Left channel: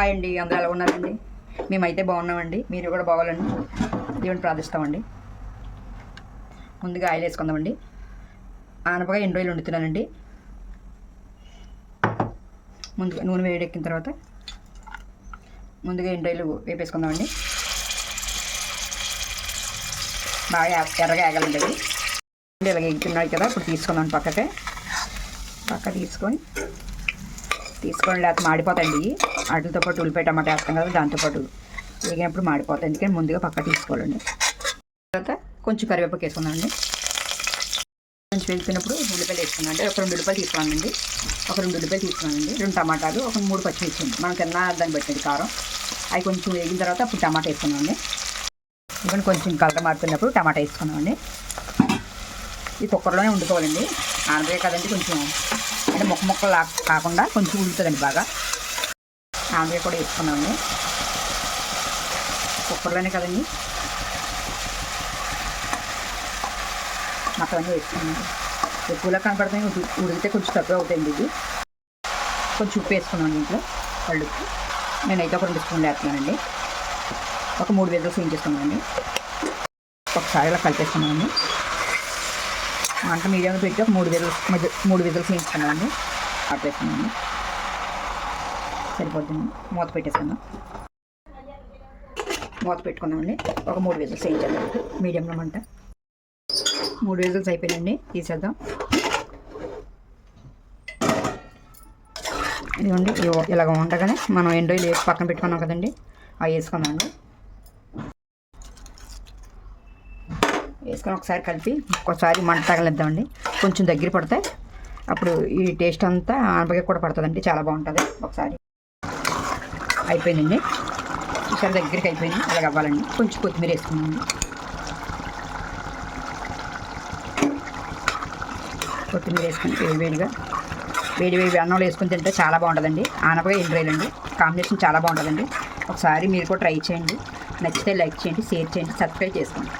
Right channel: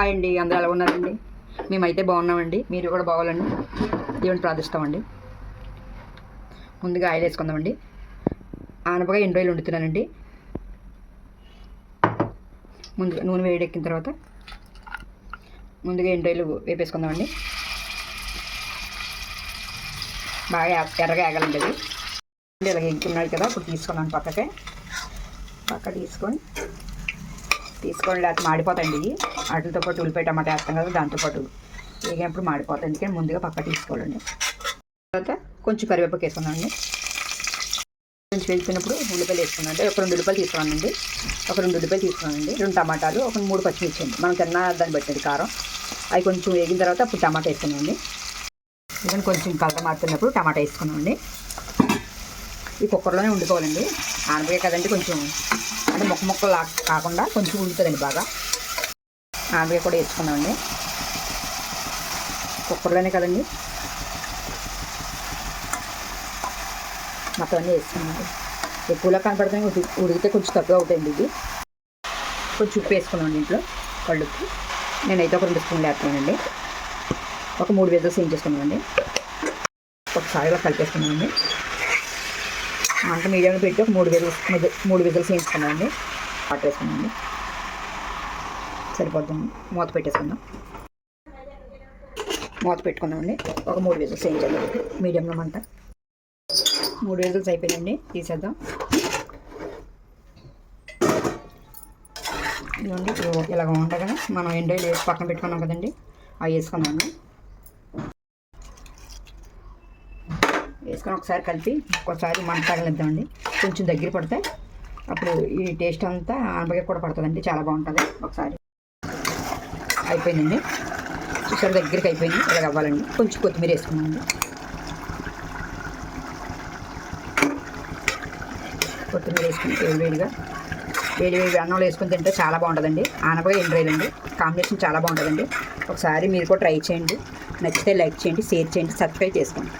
Hi అండి, అందరూ ఎలా ఉన్నారండి? మేమైతే బాగున్నామండి. మీరు కూడా బాగాలండి. దేవుని ప్రార్థిస్తామండి. ముందుగా ఆయిల్ వేసుకుందామండి. ఆనపకాయ 2 రోజులు వండుతున్నానండి. ముందుగా నూనె వేడెక్కిన తర్వాత ముందుగా 2 రోజులు వేపేసుకుందామండి. బాగా ఎర్రగా ఆగాలండి. అది ఇలాగ ఎగ్గుతున్నాయి కదా, ఇప్పుడు తీసుకున్నాను పక్క తీసుకొని లేకపోతే మాడిపోతాయండి. వాటితో పాటు ఉల్లిపాయ టమాటా వేస్తాం కదా, దాంతోపాటు వేగినప్పుడు మాడిపోతాయి. ఎందుకని ముందుగా పక్క తీసుకోవాలండి. తర్వాత కొంచెం కరివేపాకు వేసుకున్నామండి. కొంచెం వేసుకున్నప్పుడు ఉల్లిపాయలు వేసుకున్నానండి. ఒక 2 ఉల్లిపాయలు తీసుకున్నానండి. 2 టమాటాలు, 3 పచ్చిమిర్చి అండి. మనం తిన్న దాన్ని బట్టి కారం. అవి కొంచెం వేగిన తర్వాత అప్పుడు టమాటా వేసుకున్నామండి. ఇవన్నీ కొంచెం కలర్ మారుతున్నప్పుడు టమాటా వేసుకున్నామండి. ఈ కుక్కర్లోనే వండుకోవాలండి. ఆనపకాయ కదండి, కొంచెం అంటే ముక్కలు కాకుండా కొంచెం ఉడుతుందండి బాగా. ఆనపకాయ కూడా వేసుకున్నామండి. కుక్కర్లోనే కదండి, మొత్తం అన్నీ వేసుకున్నామండి. ఎక్కువలో కనపడుతుంది, ఉడికితే కొంచెం తక్కువ అవుతాయండి. ఇది కొంచెం ఉప్పు వేసుకున్నాను ఇంట్లో కళ్ళుప్పు. నేనైతే ఒక 2 స్పూన్లు వేస్తున్నానండి. ఒక 3 విజిల్స్ వేయించేసుకున్నానండి. ఒకసారి ఇలా కలిపేసుకున్నానండి. మంట మీడియంలో పెట్టి ఒక 3 విజిల్స్ వేయించుకున్నామండి. వాటర్ వేసుకున్నామండి. సరిపోతుంది. మూత పెట్టేసుకుందాం. మూత పెట్టుకున్నామండి. ఒక 3 విజిల్స్ వేయించేద్దాం మీడియంలో మంట. 3 విజిల్స్ అయిపోయినాయండి, తీసేద్దాం. ఇదిగోండి, ఇలాగ ఉండగానే మనం 2 రోజులు వేసి పక్కన పెట్టుకున్నాం కదండి, అవి వేసుకున్నామండి. వేసుకొని ఒకసారి కలిపి ఒకసారి మంట తగలిద్దామండి. కొంచెం దగ్గర పడితే అప్పుడు ఈ టేస్ట్ అంతా ఆనపకాయ కూడా పడుతుందండి, చాలా బాగుంటుంది. ఒకసారి అయిపోయిందండి. ఒకసారి దగ్గరికి అయిపోయింది. ఇలాగ అవ్వాలండి. కొంచెం కొత్తిమీర వేసుకున్నామండి. కొత్తిమీర వేసుకుని వేడి అన్నంలో వేసుకుని తింటే చాలా బాగుంటుందండి. ఆనపకాయ 2 రోజులండి, కాంబినేషన్ చాలా బాగుంటుందండి. ఒకసారి మీరు కూడా ట్రై చేయండి. నచ్చితే లైక్ చేయండి, షేర్ చేయండి, సబ్స్క్రైబ్ చేసుకోండి.